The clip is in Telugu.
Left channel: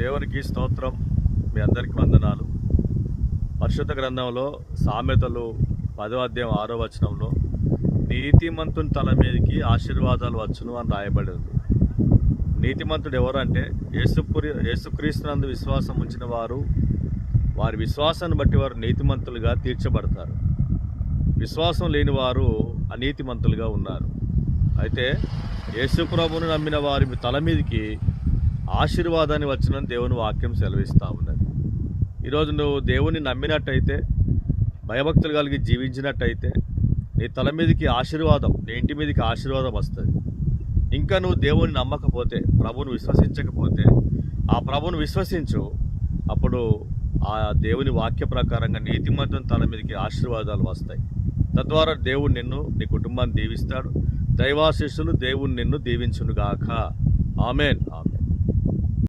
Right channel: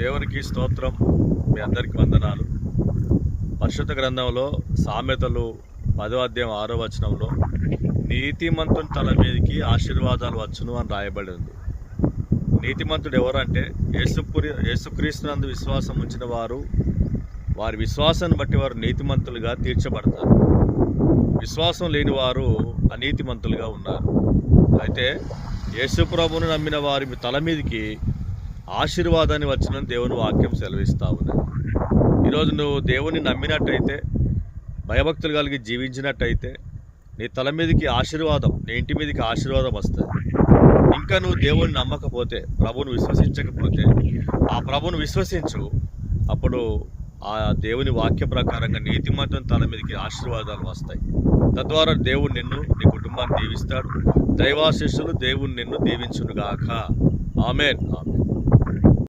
దేవునికి స్తోత్రం. మీ అందరికి వందనాలు. పరిశుద్ధ గ్రంథంలో సామెతలు 10వ అధ్యాయం 6వ వచనంలో నీతిమంతుని తల మీదకి ఆశీర్వాదాలు వచ్చును అని రాయబడి ఉంది. నీతిమంతుడు ఎవరంటే యేసుక్రీస్తునందు విశ్వాసం ఉంచిన వారు, వారి విశ్వాసాన్ని బట్టి వారు నీతిమంతులుగా తీర్చబడతారు. విశ్వాసం లేని వారు అనీతిమంతులుగా ఉన్నారు. అయితే యేసు ప్రభువును నమ్మిన వారి తల మీదకి ఆశీర్వాదాన్ని వచ్చినని దేవుని వాక్యం సెలవిస్తూ ఉన్నది. ఈరోజు నువ్వు దేవుని నమ్మినట్టయితే, భయభక్తులు కలిగి జీవించినట్టయితే నీ తల మీదకి ఆశీర్వాదం, నీ ఇంటి మీదకి ఆశీర్వాదం వస్తుంది. ఇంకా నువ్వు దేవుని నమ్మకపోతే, ప్రభువును విశ్వసించకపోతే ఆ ప్రభువును విశ్వసించు. అప్పుడు ఆ దేవుని వాక్య ప్రకారంగా నీతిమంతుని తల మీదకి ఆశీర్వాదాలు వస్తాయి. తద్వారా దేవుడు నిన్ను, నీ కుటుంబాన్ని దీవిస్తాడు. దైవాశీస్సులు దేవుడు నిన్ను దీవించునుగాక. ఆమేన్.